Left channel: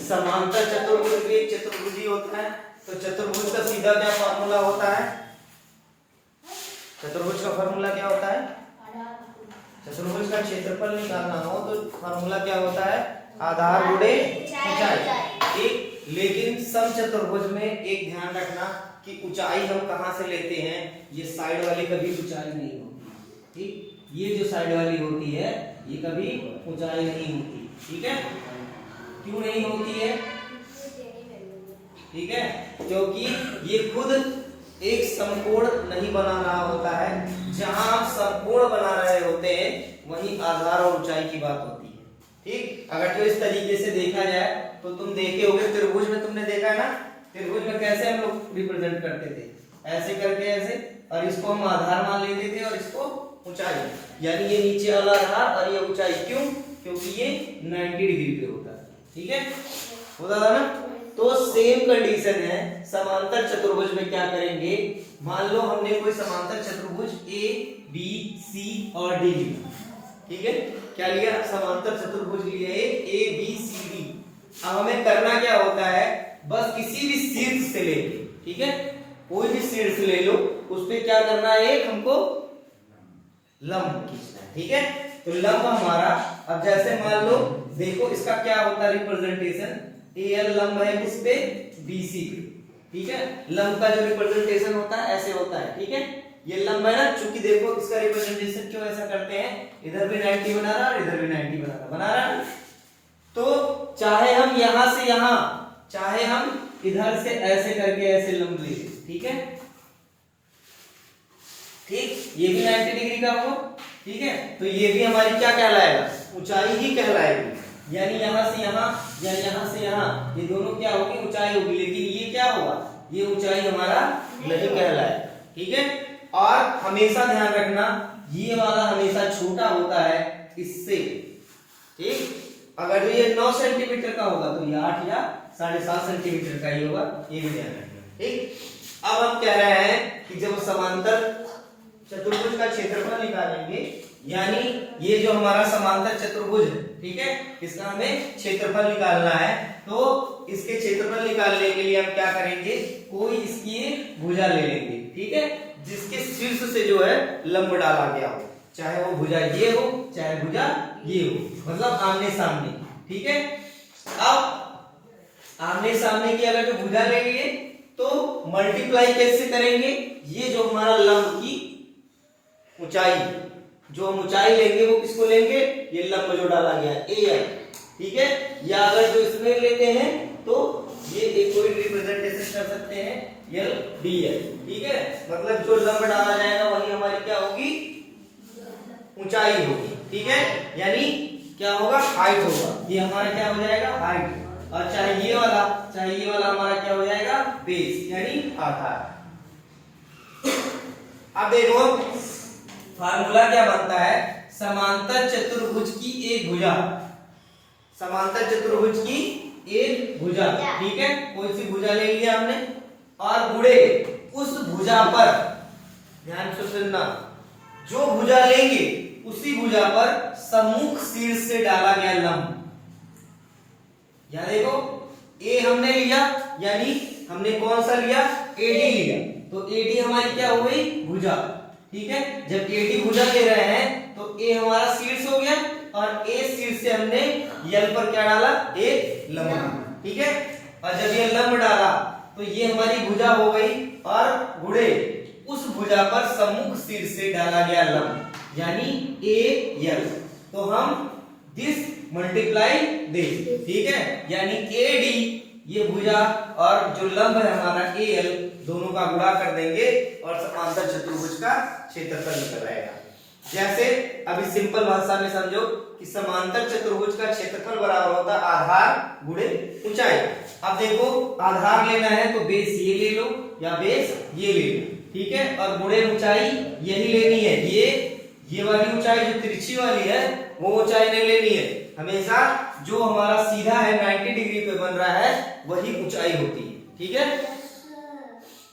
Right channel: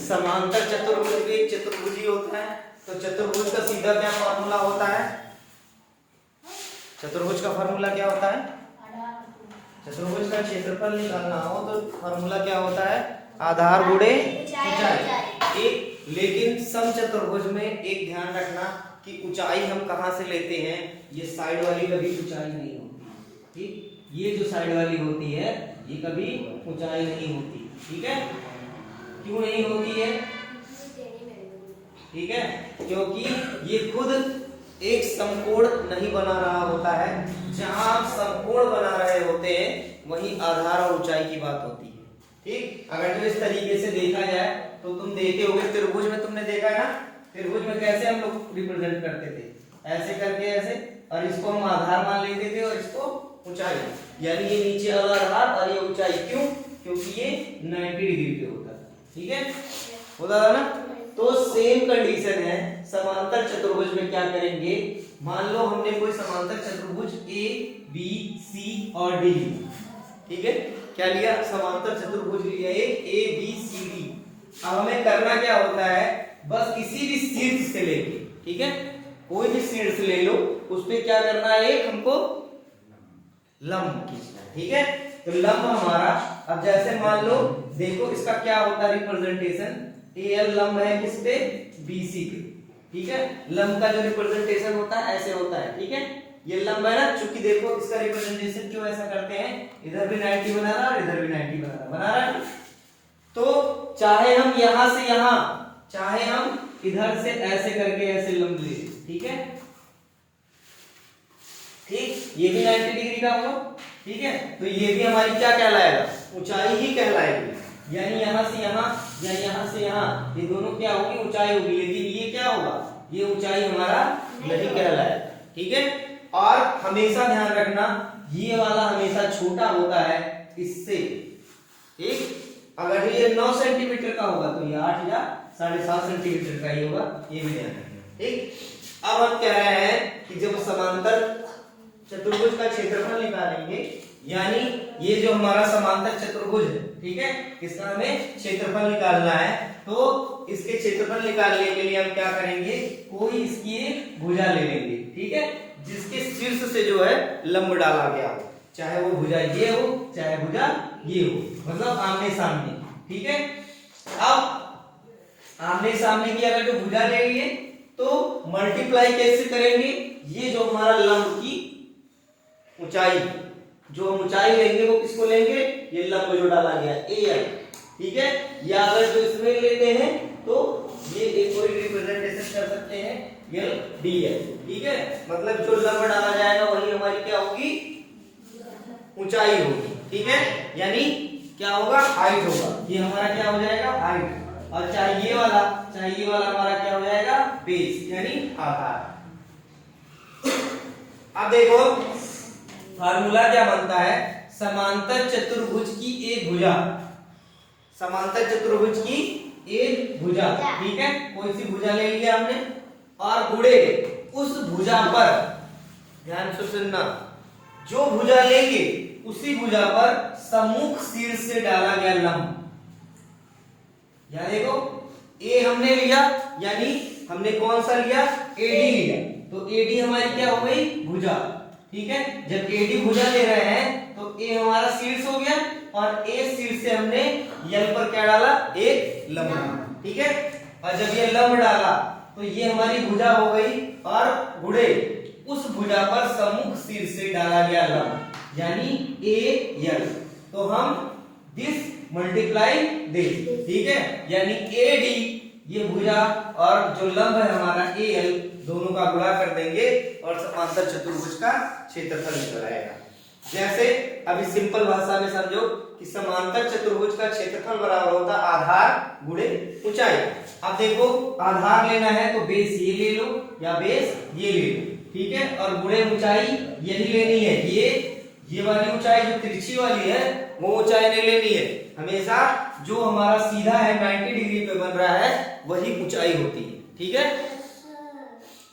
समांतर चतुर्भुज भी एक चतुर्भुज होता है। तो चतुर्भुज का सीधा क्या फॉर्मूला होता है? चतुर्भुज का फॉर्मूला क्या होता है? चतुर्भुज का क्षेत्रफल निकालना हो तो फॉर्मूला क्या होता है? आधार गुणे ऊंचाई। एक लेकिन समचतुर्भुज में एक ध्यान रखना कि ऊंचाई हम कहां से लेते हैं, ये साइड वाली कभी ऊंचाई नहीं होती। ठीक, ये जो साइड वाली होती है ये कभी ऊंचाई नहीं होती। ठीक है, क्यों नहीं होती है? ठीक है, क्योंकि ये खुद एक समकोण नहीं बना रहा होता है। जहां आप समकोण बना रहे होते हैं वहीं आधार और ऊंचाई की बात होती है। ठीक, अगर जो इस तरीके से देखा जाए तो तुम देखे होगे त्रिभुज में, तुमने देखा है ना, त्रिभुज में कैसे हम लोग रिप्रेजेंट करते थे, ऐसे करके ऐसे, और इसको हम आधार मान लेते थे और इसको ऊंचाई, यानी ये नीचे वाला आधार और ये ऊंचाई। क्यों? क्योंकि ये 90 डिग्री पे होता है। ठीक है, होता था ना। तो सेम कंडीशन है समांतर चतुर्भुज में। क्या करेंगे, मान लो हमने कोई समांतर चतुर्भुज ए बी सी और डी लिया। ठीक है, क्या लिया? समांतर चतुर्भुज लिया ए बी सी डी। अब हमें करना क्या होता है, बस किसी भी शीर्ष से लेके, ठीक है, कोई भी शीर्ष ले लो, उस पे क्या करना है, एक हमको लंब खींचना है। ठीक है, तो लंब हमारा, अब जैसे मान लो देखो इसका क्या होता है रिप्रेजेंटेशन, एल लंब है किस पे? बीसी पे। ठीक है, लंब का जो रिप्रेजेंटेशन होता है ऐसे होता है। ठीक है, ये लंब है ना, चूंकि देखो इसका रिप्रेजेंटेशन क्यों ऐसा करते हैं, इधर भी 90 बना रहा और इधर भी 90 बना रहा। तो चाहे हम यहां से यहां, चाहे हम इधर से ऐसे करके ऐसे लंब ले, ठीक है, ठीक, ये भी 90 डिग्री का हो। ठीक है, तो ये भी हमारी क्या कहलाएगा? ऊंचाई ही कहलाएगी। यानी यहां से यहां या यहां से यहां, ये दोनों क्या होगी? ऊंचाई होगी। लेकिन ये क्या होगा? ये ऊंचाई हमारा नहीं कहलाएगा। ठीक है, और हमेशा ध्यान रखना ये वाला हमेशा छोटा होता है इससे। ठीक, अगर ये 9 सेंटीमीटर का होगा तो ये 8 या 7.5 सेंटीमीटर का ही होगा, ये भी ध्यान रखना। ठीक, अब हम कह रहे हैं कि जब समांतर चतुर्भुज का क्षेत्रफल निकालेंगे, यानी ये जो हमारा समांतर चतुर्भुज है, ठीक है, इसका हमें क्षेत्रफल निकालना है। तो इसके क्षेत्रफल निकालने के लिए हम क्या करेंगे, कोई इसकी भुजा ले लेंगे। ठीक है, जिसके शीर्ष से जो है लंब डाला गया हो, चाहे वो भुजा ये हो चाहे भुजा ये हो, मतलब आमने सामने। ठीक है, अब आमने सामने की अगर जो भुजा लेंगे तो मल्टीप्लाई कैसे करेंगे, ये जो हमारा लंब की ऊंचाई, जो हम ऊंचाई लेंगे वो किसको लेंगे, ये लंब जो डाला गया है एल। ठीक है, या अगर जो इसमें लेते हैं तो ये एक कोई रिप्रेजेंटेशन कर सकते हैं एल डी एल। ठीक है, मतलब जो लंब डाला जाएगा वही हमारी क्या होगी, ऊंचाई होगी। ठीक है, यानी क्या होगा, हाइट होगा। ये हमारा क्या हो जाएगा, हाइट। और चाहे ये वाला हमारा क्या हो जाएगा, बेस, यानी आधार। अब देखो फार्मूला क्या बनता है, समांतर चतुर्भुज की एक भुजा, समांतर चतुर्भुज की एक भुजा। ठीक है, कोई सी भुजा ले लिया हमने, और गुणे उस भुजा पर, ध्यान से सुनना, जो भुजा लेंगे उसी भुजा पर सम्मुख शीर्ष से डाला गया लंब। या देखो ए हमने लिया, यानी हमने कौन सा लिया, एडी लिया, तो एडी हमारी क्या हो गई, भुजा। ठीक है, जब एडी भुजा ले रहे हैं तो ए हमारा शीर्ष हो गया, और ए शीर्ष से हमने यल पर क्या डाला, एक लंब। ठीक है, और जब ये लंब डाला तो ये हमारी भुजा हो गई, और गुणे उस भुजा पर सम्मुख शीर्ष से डाला गया लंब, यानी ए यल। तो हम दिस मल्टीप्लाई दिस। ठीक है, यानी ए डी ये भुजा और जो लंब है हमारा ए एल, दोनों का गुणा कर देंगे और समांतर चतुर्भुज का क्षेत्रफल निकल आएगा। जैसे अभी सिंपल भाषा में समझो कि समांतर चतुर्भुज का क्षेत्रफल बराबर होता है आधार गुणे ऊंचाई। अब देखो आधार लेना है तो बेस ये ले लो या बेस ये ले लो। ठीक है, और गुणे ऊंचाई यही लेनी है, ये वाली ऊंचाई जो तिरछी वाली है वो ऊंचाई नहीं लेनी है, हमेशा जो हमारा सीधा है 90 डिग्री पे बन रहा है वही ऊंचाई होती है। ठीक है,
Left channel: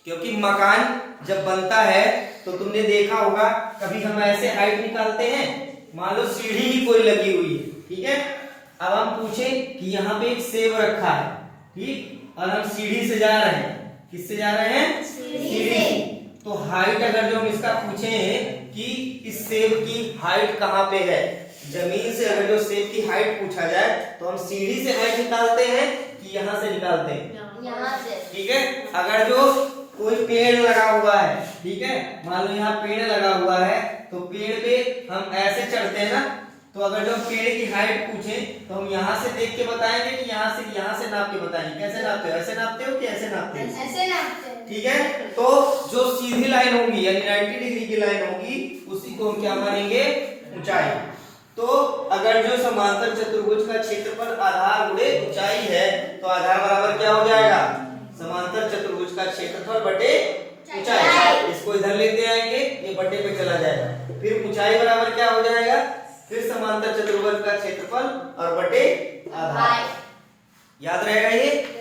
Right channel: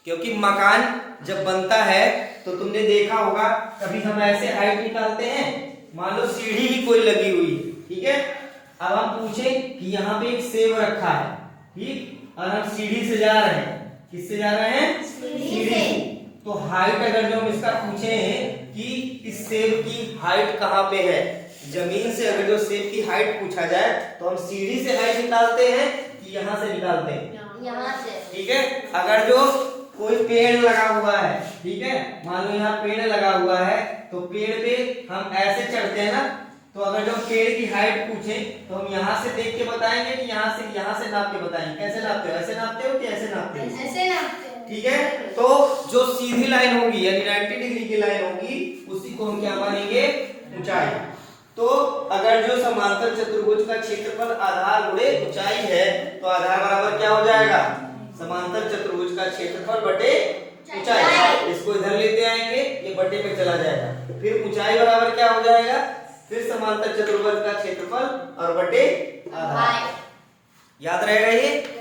क्योंकि मकान जब बनता है तो तुमने देखा होगा कभी हम ऐसे हाइट निकालते हैं, मान लो सीढ़ी ही कोई लगी हुई है अब हम पूछे कि यहाँ पे एक सेब रखा है, ठीक, और हम सीढ़ी से जा रहे हैं। किससे जा रहे हैं? सीढ़ी से। तो हाइट अगर जो हम इसका पूछे हैं कि इस सेब की हाइट कहाँ पे है, जमीन से अगर जो सेब की हाइट पूछा जाए तो हम सीढ़ी से हाइट निकालते हैं कि यहाँ से निकालते हैं? यहाँ से। ठीक है। अगर जो कोई पेड़ लगा हुआ है, ठीक है, मान लो यहाँ पेड़ लगा हुआ है, तो पेड़ पे हम ऐसे चढ़ते हैं ना, तो अगर जो पेड़ की हाइट पूछे तो हम यहाँ से देख के बताएंगे कि यहाँ से नाप के बताएंगे। कैसे नापते हो? ऐसे नापते हो कि ऐसे नापते हो? ऐसे नापते हैं। ठीक है। तो जो सीधी लाइन होगी यानी 90 डिग्री की लाइन होगी उसी को हम क्या मानेंगे? ऊंचाई। तो अगर जो समांतर चतुर्भुज का क्षेत्रफल आधार गुणे ऊंचाई है तो आधार बराबर क्या हो जाएगा? समांतर चतुर्भुज का क्षेत्रफल बटे ऊंचाई। इसको इधर लेते आएंगे, ये बटे पे चला जाएगा। फिर ऊंचाई बराबर क्या हो जाएगा? फिर समांतर चतुर्भुज का क्षेत्रफल और बटे आधार। याद रहेगा ये?